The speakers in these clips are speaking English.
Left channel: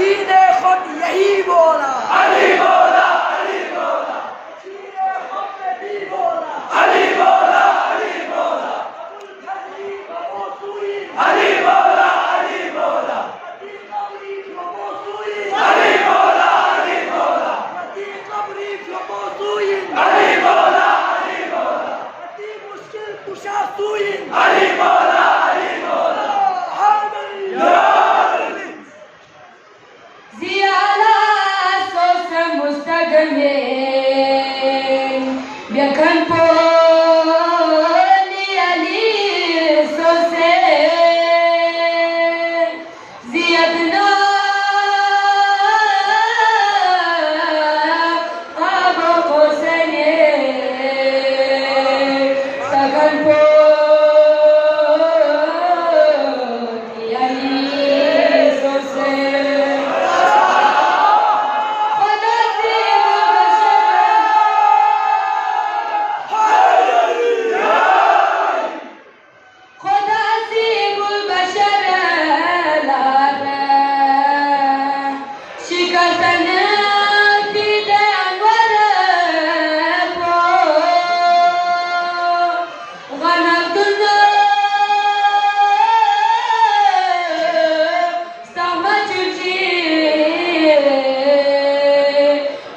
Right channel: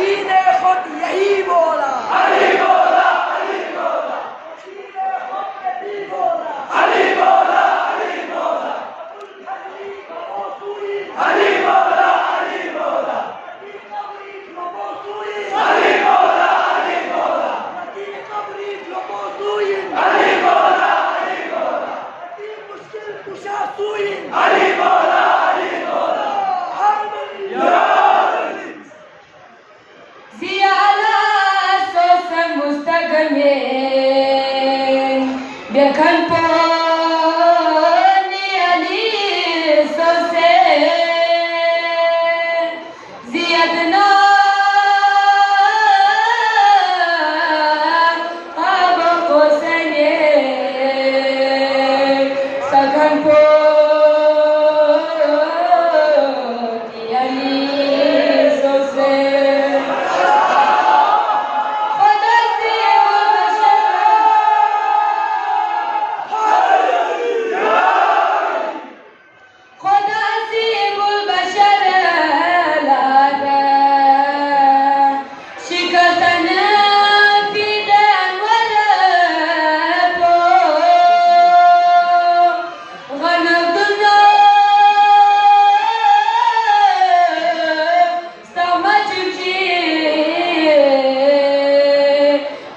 दीने खुद यही बोला, अली बोला, अली बोला, दीने खुद ने भी बोला, अली बोला, अली बोला, अबुल फजली कबूसुई, अली बोला, अली बोला, नदी कबरी कबूसुई, अली बोला, अली बोला, नदी कबरी कबूसुई, अली बोला, अली बोला, नदी मुश्किल कुशासुई, अली बोला, अली बोला, Ziala sosa mustaqbil Biarkan poni Ali sose Ziyadna Abo kosane Sagan poni Ali sose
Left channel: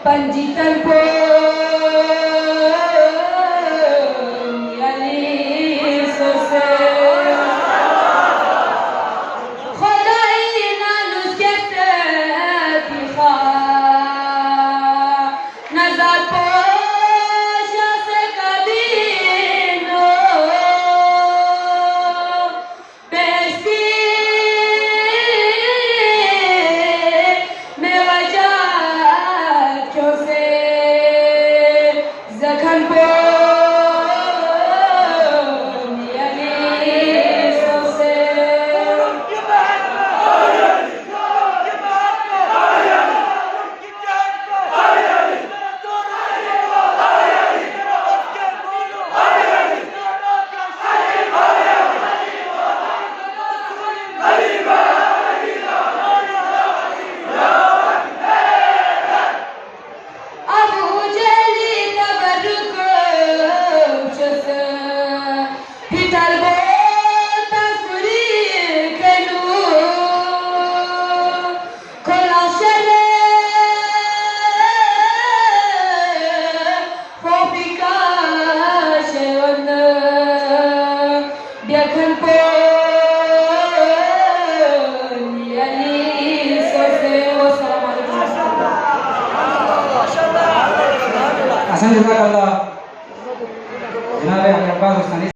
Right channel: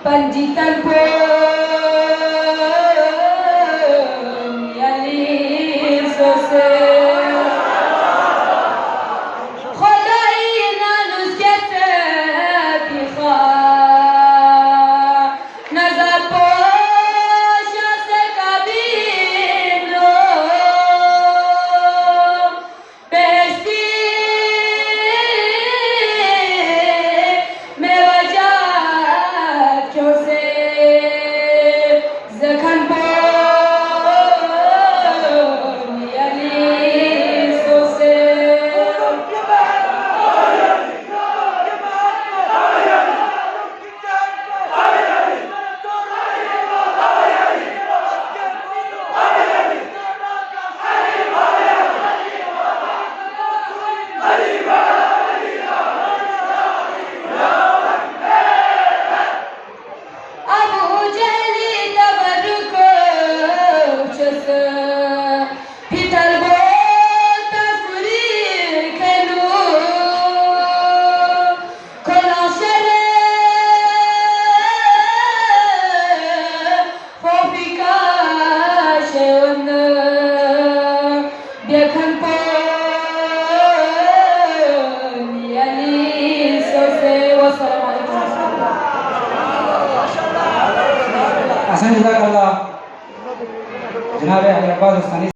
Panjitan pun yali sose Kholai manusia sepikha Nazar posha se kabino Besti me wajah Zakan poni Ali sose Abu Jali tabarruko chose Pital bota suri kenu Kola shale Fofika sheona Biarkan poni Ali sose Wassalamualaikum warahmatullahi Hasan Jazakallah Janabe Akhil Abbas Ustani